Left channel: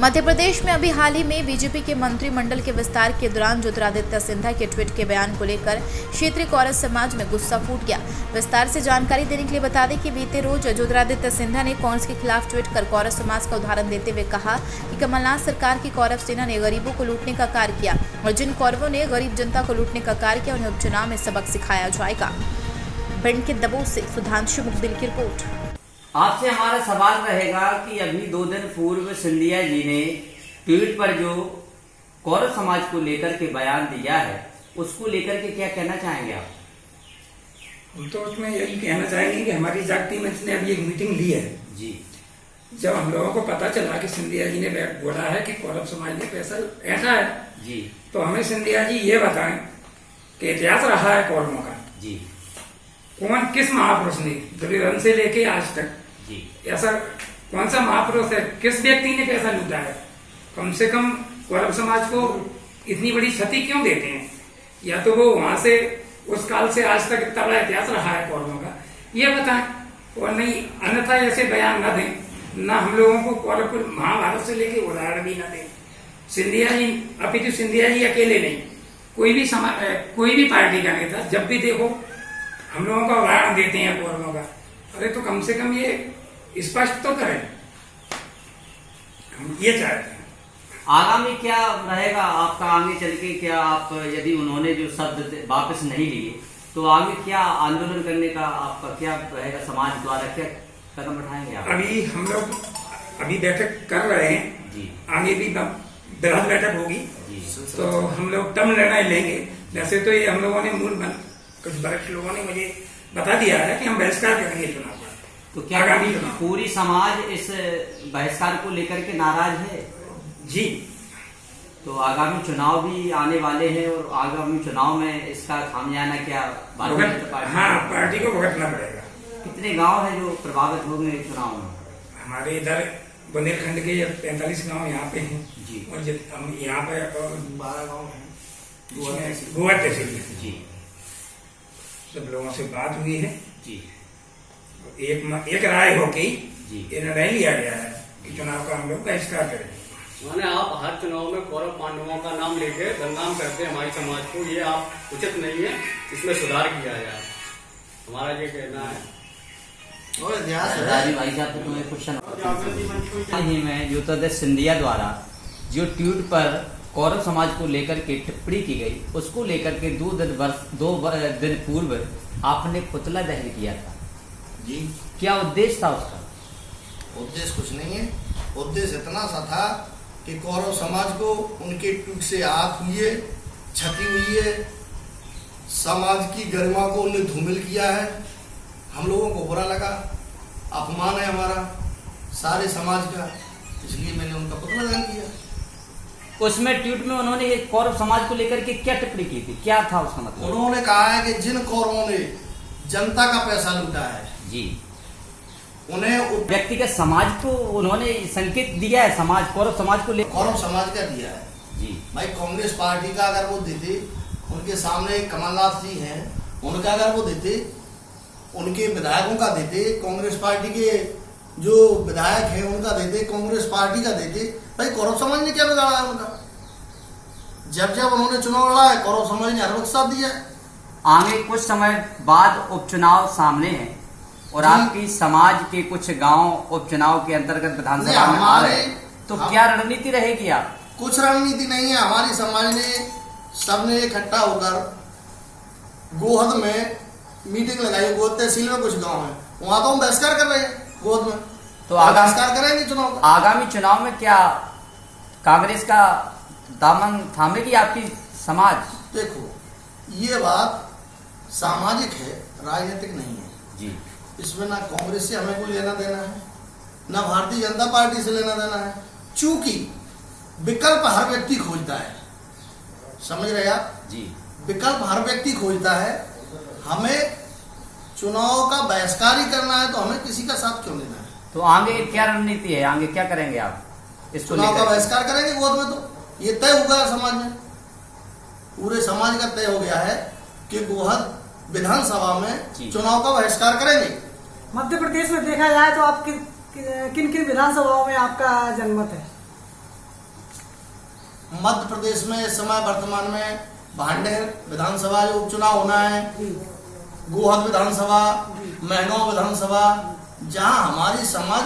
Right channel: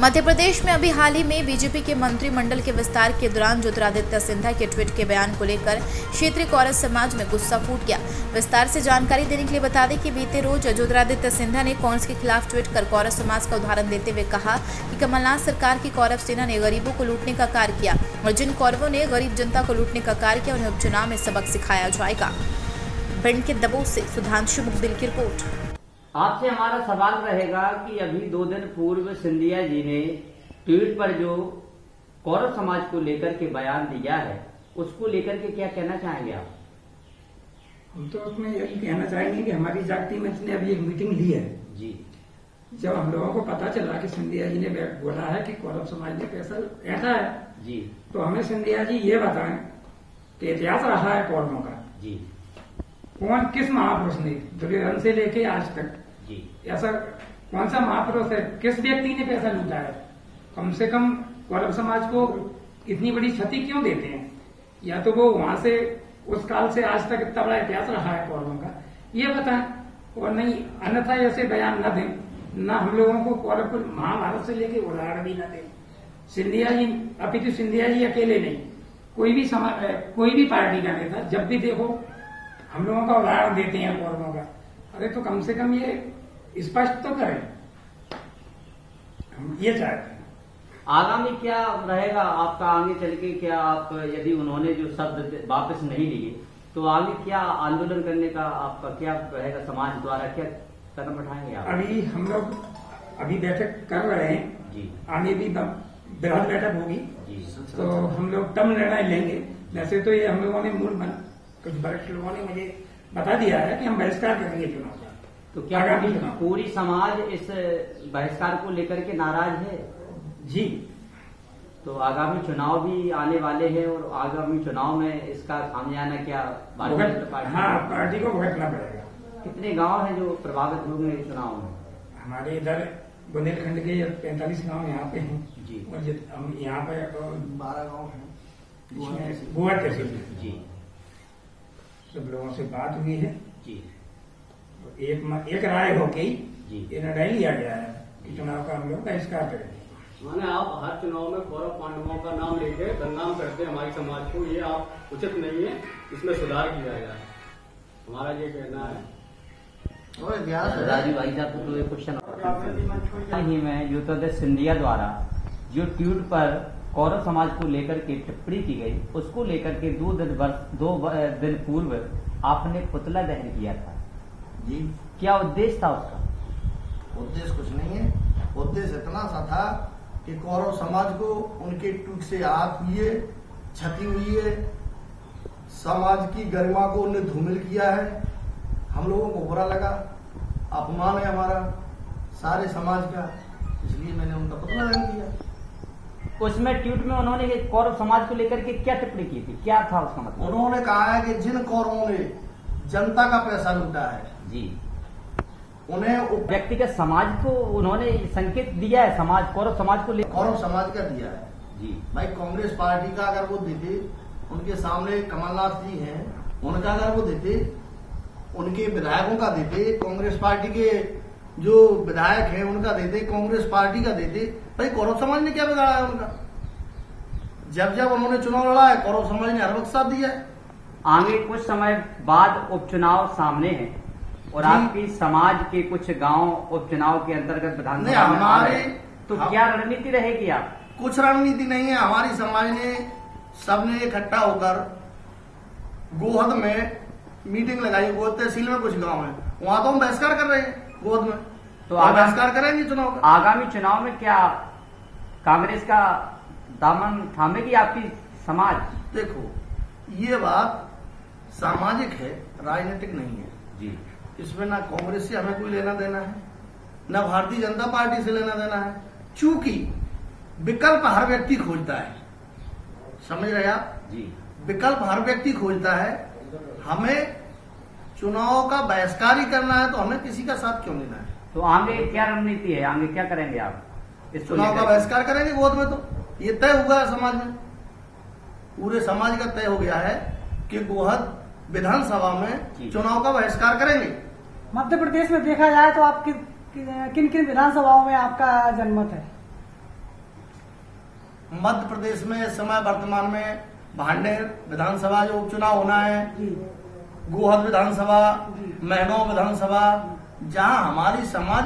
मध्य प्रदेश में अभी हाल ही में बीजेपी के मंत्रिमंडल के विस्तार के दौरान ज्योतिरादित्य सिंधिया के ट्वीट के बयान को लेकर क्षेत्रीय कौरव समाज में गुस्सा फूट गया। विस्तार से जानकारी देने के लिए बता दें कि बीते रोज ज्योतिरादित्य सिंधिया ने कांग्रेस के खिलाफ ट्वीट कर कौरव समाज का उदाहरण देते हुए कहा कि कमलनाथ सरकार की कौरव सेना ने गरीबों को लूटने का कार्य किया और जिन कौरवों ने गरीब जनता को लूटने का कार्य किया उन्हें उपचुनाव में सबक सिखाया जाएगा। भिंड के दबोच से सुधांशु मुखदिल की रिपोर्ट। आपसे हमारा सवाल रहेगा कि अभी 2 दिन पूर्व सिंधिया जी ने ट्वीट पर जो कौरव समाज को लेकर के बयान दिया है उसको लेकर के क्या कहना चाहेंगे आप? हम तो उसमें यही कहना चाहेंगे कि हमारी जागती मंच ने अभी एक मीटिंग ली है जी। जब हम लोगों को पता चला कि सिंधिया जी ने बोला है कि कौरव समाज ने पैसा ऐसा है जी, तो हमें सिंधिया जी ये बताएं कि इतिहास रहा है कौरवों का जी कौन किस महापुरुष ने दुर्योधन से लेके आज तक जी ऐसा कौन सा महापुरुष है, किस व्यक्ति ने पैसा लूटा है? कम से कम कौरव समाज को इतनी बड़ी क्षति क्यों देते हैं? या तो वो वहां से उस काल से आज तक इतना बड़ा इतिहास रहा है कौरवों का, ये बताएं। और नहीं अन्यथा ऐसे बयान न दें, न हम लोगों को कौरव को महाभारत से लेके उदाहरण भी न दें। सिंधिया जी अपितु सिंधिया जी अकेले नहीं, कोई भी पार्टी का नेता जब भी देखो हम लोगों का उदाहरण देते हैं कौरवों का। अरे तो कम से कम ये स्पष्ट तो करें, हम ये चाहते हैं। आगामी क्या रहेगा आपका आगे चल के? क्या आप यदि उन्होंने जो शब्द वापस नहीं लिए तो आगे क्या आंदोलन करने का आपका क्या रहेगा? समाज द्वारा क्या कदम उठाएंगे आप? अभी हम लोग अभी बैठक कर रहे हैं जी, आगे भी बृहद बैठक होगी तो हम लोग तब निर्णय लेंगे। वैसे तो ये हम लोगों ने कुछ वरिष्ठ लोगों ने मुझे बता दिया है कि हम बहिष्कार करेंगे चुनाव का। तो क्या पूरी समाज इस बहिष्कार को लेकर के नाराज है? जी, तो आगामी चुनाव भी आने वाले हैं और आगामी चुनाव में इसका खामियाना क्या पार्टी को भुगतना पड़ेगा। कितने गांव हैं जो प्रभावित होंगे चुनाव में? हमारे इधर बुंदेलखंड के 45 गांव यहाँ पे हैं जी, और हम यहाँ पे 12 गाँव हैं गोवा तहसील में जी। सब लोगों से बात हुई है जी, एक राय हो गई जी, ये निर्णय लिया गया है कि चुनाव का हम लोग बहिष्कार करेंगे। माने आप हर चुनाव में कौरव पांडवों का नाम लेके बदनाम करते हैं हमारे समाज को, ये आप उचित नहीं है, इसमें सुधार किया जाए, हमारा ये कहना है। और इतिहास भाई साहब को एक क्वेश्चन ही में ज्योतिरादित्य सिंधिया द्वारा जो ट्वीट पर कौरव समाज को लेकर के टिप्पणी की गई उसको लेकर के 2 दिन पूर्व आपने पुतला दहन किया था जी। क्या उद्देश्य था उसका? उद्देश्य कुछ नहीं है, उद्देश्य इतना सा था कि कौरव समाज को उनके ट्वीट से आहत हुई है, क्षति हुई है, समाज की गरिमा को उन्हें धूमिल किया है, हम लोगों को बुरा लगा, अपमान है हमारा सारे समाज का, इसलिए मैंने उनका पुतला दहन किया। उसमें ट्वीट में उन्होंने ये कौरव समाज को लेकर के क्या टिप्पणी की थी, क्या था उसका मतलब? उन्होंने कहा है कि जिन कौरवों ने जनता का पैसा लूटा है जी, उन्हें व्यक्तिगत समाज को उन्होंने संकेत दिया है, समाज कौरव समाज को लेकर कौरव समाज का दिया है जी। भाई कांग्रेस पार्टी का अगर वो देते, उनके सामने कमलनाथ जी हैं, उनका अगर वो देते, उनके विधायकों का देते, कांग्रेस पार्टी के जो विधायक हैं उनका देते, कांग्रेस पार्टी का देते, भाई कौरव समाज ने क्या बिगाड़ा है उनका? जब जब उन्होंने चुनाव लड़ा है कौरव समाज ने हर वक्त साथ दिया है। आगे कुछ समय बाद उपचुनाव सामने है और आपकी समाज के कुछ गांव उपचुनाव के अंतर्गत विधानसभा हमारे तो क्या रणनीति रहेगी आप? कुछ रणनीति नहीं है, हमारी समाज ने सबने इकट्ठा होकर गोहद में मीटिंग लगाई। गोहद तहसील में कुछ गांव है, वहां तो हम बहिष्कार कर रहे हैं गोहद में, तो बहिष्कार करेंगे चुनाव का। आगामी चुनाव में क्या कांग्रेस का दामन थामेगी आपकी समाज? देखो ये बात सामाजिक है, राजनीतिक नहीं है जी। इसमें ना कांग्रेस से हमें कोई लेना देना है, ना भारतीय जनता पार्टी से लेना देना है, चूंकि विकल्प हर व्यक्ति खोजता है, समझ रहे आप जी? विकल्प हर व्यक्ति खोजता है। हमें चुनाव का बहिष्कार ही करना है तो हमें किसी का साथ क्यों लेना है? तो आगे क्या रणनीति है, आगे क्या करेंगे आप? इस चुनाव का बहिष्कार करेंगे गोद में, तो ये तय होगा समाज में, पूरे समाज का तय हो गया है कि गोहद विधानसभा में चुनाव का बहिष्कार करेंगे। मध्य प्रदेश में देखा जाए तो आप किन किन विधानसभाओं में आपका जनमत है? मध्य प्रदेश में इस समय वर्तमान में भांडेर विधानसभा जो उपचुनाव होना है, गोहद विधानसभा, महनौ विधानसभा, जहां हमारी समाज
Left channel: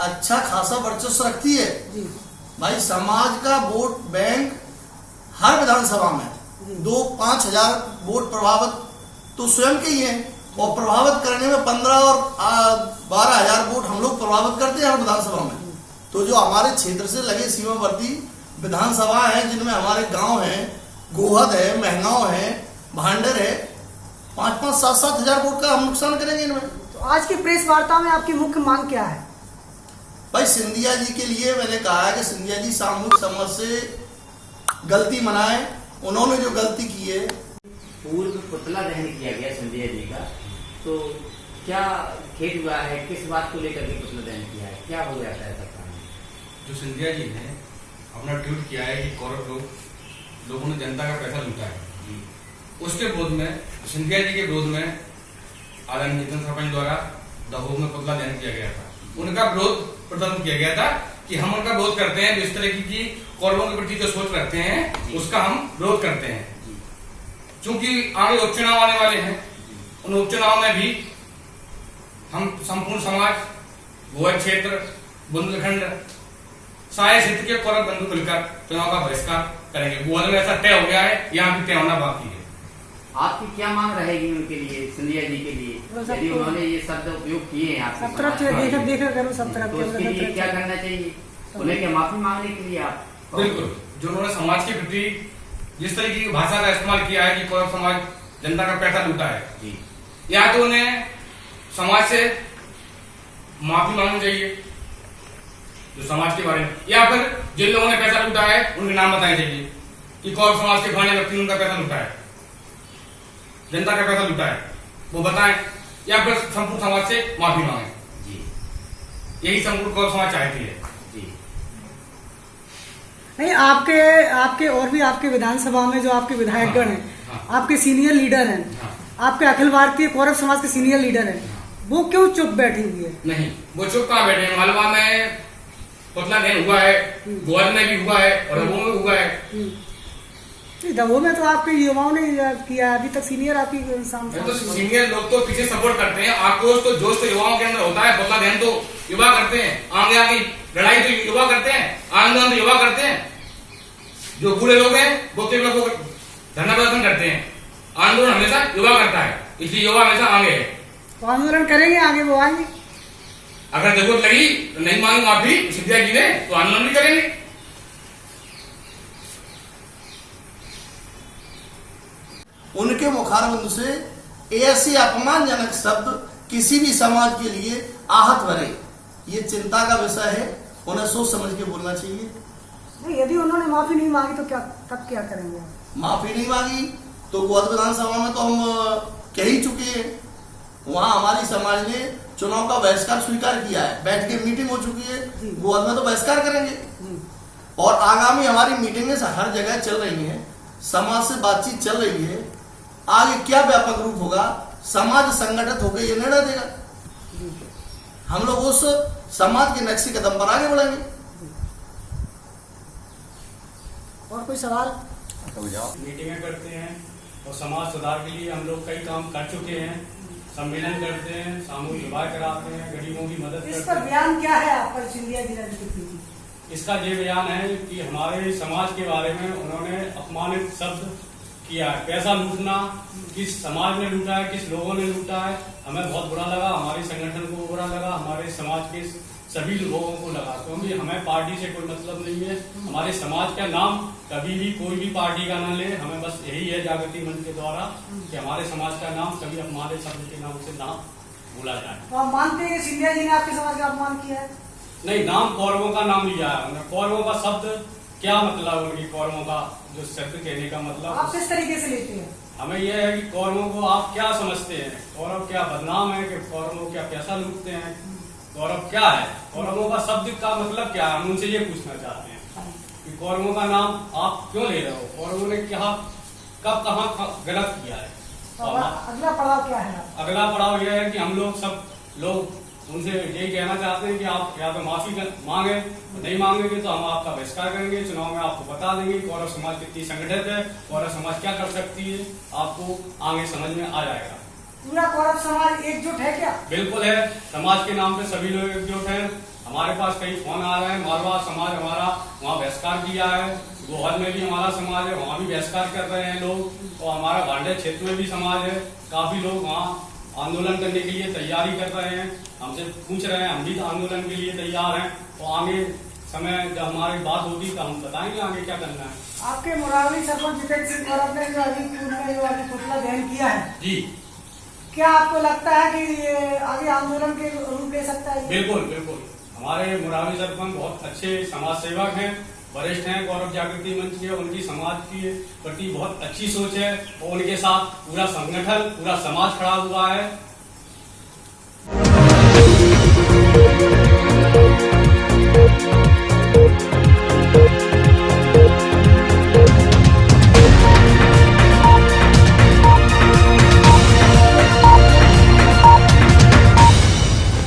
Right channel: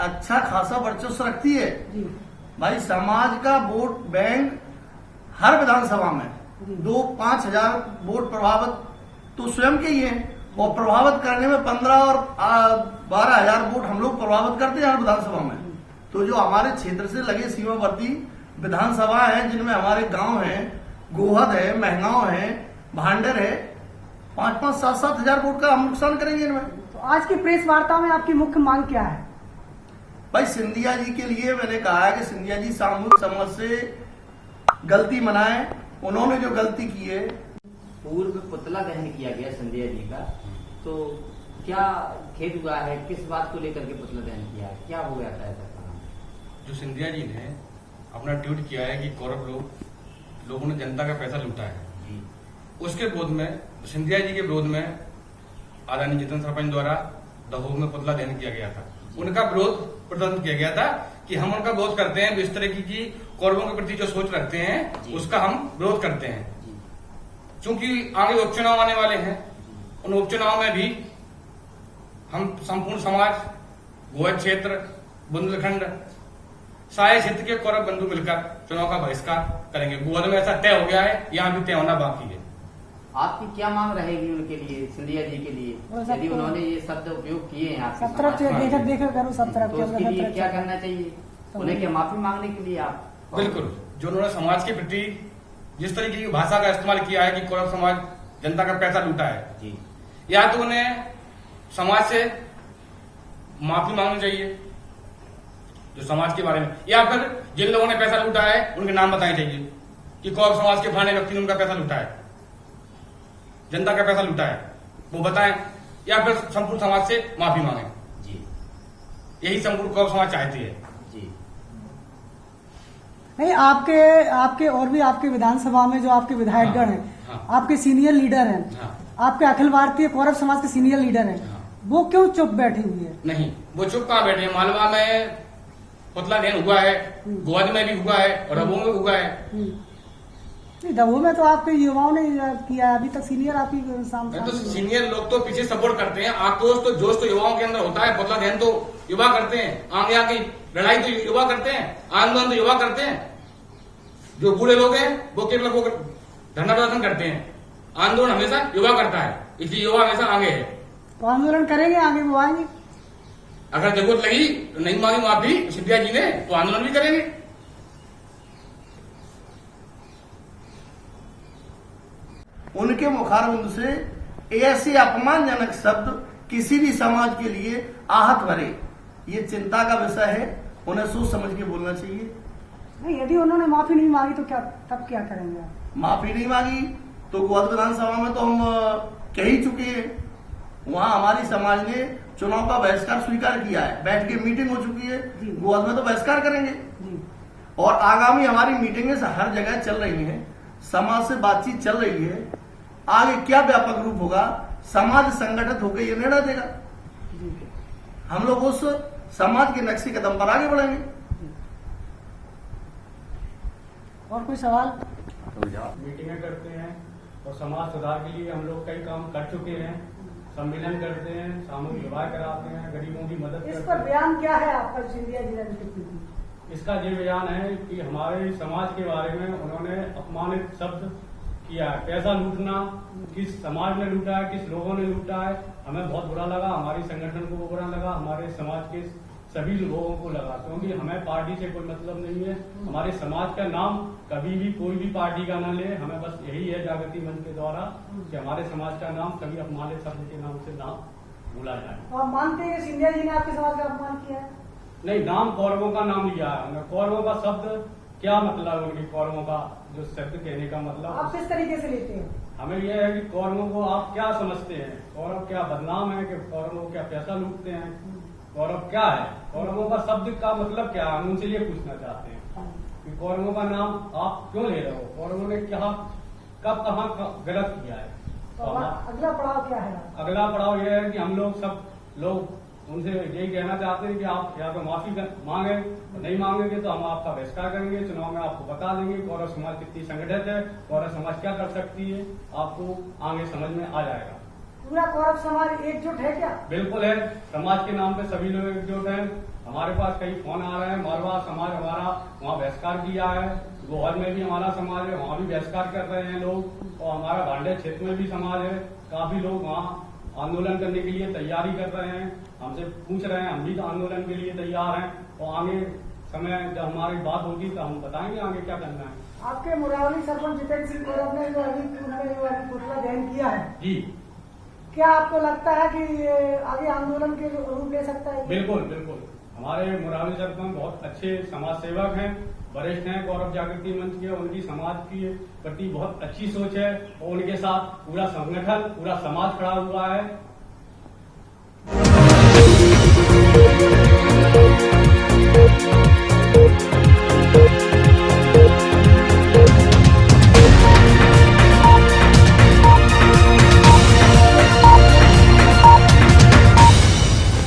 अच्छा खासा वर्चस्व रखती है। भाई समाज का वोट बैंक हर विधानसभा में 2-5 हजार वोट प्रभावित तो स्वयं के ही है, और प्रभावित करने में 15 और 12 हजार वोट हम लोग प्रभावित करते हैं हर विधानसभा में। तो जो हमारे क्षेत्र से लगे सीमावर्ती विधानसभा है, जिनमें हमारे गांव हैं, गोहद है, महनौ है, भांडेर है, 5-5, 7-7 हजार वोट का हम नुकसान करेंगे इनमें। तो आज की प्रेस वार्ता में आपकी मुख्य मांग क्या है? भाई सिंधिया जी के लिए मैंने कहा है कि सिंधिया जी सामूहिक समझ से गलती मनाए। उन्होंने जो गलती की है, पूर्व पुतला दहन किया गया सिंधिया जी का, तो क्या खेद हुआ है, किस बात को लेकर के पुतला दहन किया है, क्या हो जाता है सरकार में? जो सिंधिया जी ने अपना ट्वीट किया है कि कौरव लोगों ने जनता का पैसा लूटा है, उसके विरोध में, सिंधिया जी के विरोध में आदरणीय नितिन सरपंच द्वारा दहोर में पुतला दहन किया गया था। उनका विरोध प्रदर्शन किया गया था कि हम उनका विरोध करते हैं, जो इस तरह की कौरवों के प्रति जो सोच रखते हैं उसका हम विरोध करते हैं। क्योंकि आगे उपचुनाव आने वाले हैं, उन उपचुनाव में भी हम संपूर्ण समाज, गोवा क्षेत्र, बुंदेलखंड, सारे क्षेत्र के कौरव बंधु मिलकर चुनाव का बहिष्कार करेंगे। गोवा में ऐसा तय हो गया है, यहाँ भी तय होना बाकी है। आपकी क्या मांग रहेगी उनके लिए, सिंधिया जी के लिए, यदि उन्होंने ये शब्द उपयोग किए हैं आपके तो उसके लिए क्या करना चाहिए? उन्हें क्या माफी मांगने के लिए आप? बिल्कुल, जो उन्होंने समाज के प्रति जिस तरीके की भाषा का इस्तेमाल किया है कि कौरव समाज जनता का पैसा लूटा है, या तो उन्हें समाज से माफी मांगनी चाहिए जो समाज के बारे में, या फिर जिन लोगों ने पैसा लूटा है उनके नाम बताने चाहिए कि कौरव समाज के फलाने व्यक्ति ने उनका पैसा लूटा है, जनता का पैसा लूटा है, वो बताएं, या फिर संपूर्ण समाज से माफी मांगे। यही संपूर्ण कौरव समाज चाहती है। नहीं, आपके और भी आपके विधानसभा में जो आपके विधायकगण हैं, आपके सीनियर लीडर हैं, आपके अखिल भारतीय कौरव समाज के सीनियर लीडर हैं, वो क्यों चुप बैठी हुई है? नहीं, वो चुप कहाँ बैठे हैं? मालवा में पुतला दहन हुआ है, गोवा में भी हुआ है, रघु में हुआ है। दमोह में तो आपके युवाओं ने किया, अभी तक सीनियर आपकी तो सीनियर लोग तो पीछे सपोर्ट करते हैं। आक्रोश तो जोश तो युवाओं के अंदर होता है, पुतला दहन तो युवा करते हैं, आगे आगे लड़ाई तो युवा करते हैं, आंदोलन तो युवा करते हैं। जो बूढ़े लोग हैं वो केवल धरना प्रदर्शन करते हैं, आंदोलन हमेशा युवा करता है, इसलिए युवा हमेशा आगे है। तो आंदोलन करेंगे, आगे वो आएंगे। अगर जरूरत लगी तो नहीं मांगी माफी सिंधिया जी ने, तो आंदोलन भी करेंगे। उनके मुखारबिंद से ऐसे अपमानजनक शब्द किसी भी समाज के लिए आहत भरे, ये चिंता का विषय है। उन्हें सोच समझ के बोलना चाहिए। नहीं, यदि उन्होंने माफी नहीं मांगी तो तब क्या करेंगे आप? माफी नहीं मांगी तो गोवा विधानसभा में तो हम कह ही चुके हैं, वहां हमारी समाज ने चुनाव का बहिष्कार स्वीकार किया है, बैठ के मीटिंग हो चुकी है, गोवा में तो बहिष्कार करेंगे। और आगामी हमारी मीटिंगें हर जगह चल रही हैं, समाज से बातचीत चल रही है। आगे क्या व्यापक रूप होगा, समाज संगठित होकर ये निर्णय देगा। हम लोग उस समाज के नक्शे कदम पर आगे बढ़ेंगे। और कोई सवाल? मीटिंगें करते हैं और समाज सुधार के लिए हम लोग कई काम कर चुके हैं, सम्मेलन करते हैं, सामूहिक विवाह कराते हैं, गरीबों की मदद करते इसका हैं। बयान क्या है आपका सिंधिया जी ने? इसका ये बयान है कि हमारे समाज के बारे में उन्होंने अपमानित शब्द किया है। पैसा लूटना किस समाज ने लूटा है, किस लोगों ने लूटा है, हमें बहुत बुरा लगा, हमारे संगठन को बुरा लगा, हमारे समाज के सभी लोगों को लगा। क्योंकि हमें पार्टी से कोई मतलब नहीं है, हमारे समाज का नाम कभी भी कोई भी पार्टी का ना ले, हमें बस यही है जागृति मंच के द्वारा कि हमारे समाज का नाम कभी हमारे शब्द के नाम से ना भूला जाए। तो आप मानते हैं कि सिंधिया जी ने आपके समाज का अपमान किया है? नहीं, नाम कौरवों का नाम लिया है। कौरवों का शब्द क्या मतलब, उनकी कौरवों का जो शब्द कहने का मतलब आप किस तरीके से लेते हैं? हमें यह है कि कौरवों को आप क्या समझते हैं? कौरव क्या बदनाम है कि कौरवों क्या पैसा लूटते हैं? कौरव क्या है? कौरवों का शब्द का मतलब क्या है? हम उनसे ये पूछना चाहते हैं कि कौरवों का नाम आप क्यों ले रहे हो? कौरवों ने क्या कब कहाँ गलत किया है? तो अगला पड़ाव क्या है? अगला पड़ाव यह है कि हम लोग सब लोग उनसे यही कहना चाहते हैं कि आप या तो माफी मांगे, नहीं मांगेंगे तो हम आपका बहिष्कार करेंगे। चुनाव में आपको बता देंगे कौरव समाज कितनी संगठित है, कौरव समाज क्या कर सकती है, आपको आगे समझ में आ जाएगा। पूरा कौरव समाज एकजुट है क्या? बिल्कुल है, समाज के नाम पे सभी लोग एकजुट हैं। हमारे पास कई फोन आ रहे हैं, मारवाड़ समाज हमारा वहाँ बहिष्कार किया है, गोहद में भी हमारा समाज है, वहाँ भी बहिष्कार कर रहे हैं लोग, और हमारा भांडे क्षेत्र में भी समाज है, काफी लोग वहाँ आंदोलन करने के लिए तैयारी कर रहे हैं, हमसे पूछ रहे हैं, हम भी आंदोलन के लिए तैयार हैं। और आगे समय जब हमारी बात होगी तो हम बताएंगे आगे क्या करना है। आपके मुरावली सरपंच जितेंद्र सिंह कौरव ने जो अभी पुतला दहन किया है जी, क्या आपको लगता है कि ये आगे आंदोलन के रूप ले सकता है? बिल्कुल बिल्कुल, हमारे मुरारी सरपंच बहुत अच्छे समाज सेवक हैं, वरिष्ठ हैं, गौरव जागृति मंच के, उनकी समाज के प्रति बहुत अच्छी सोच है और उनके साथ पूरा संगठन, पूरा समाज खड़ा हुआ है।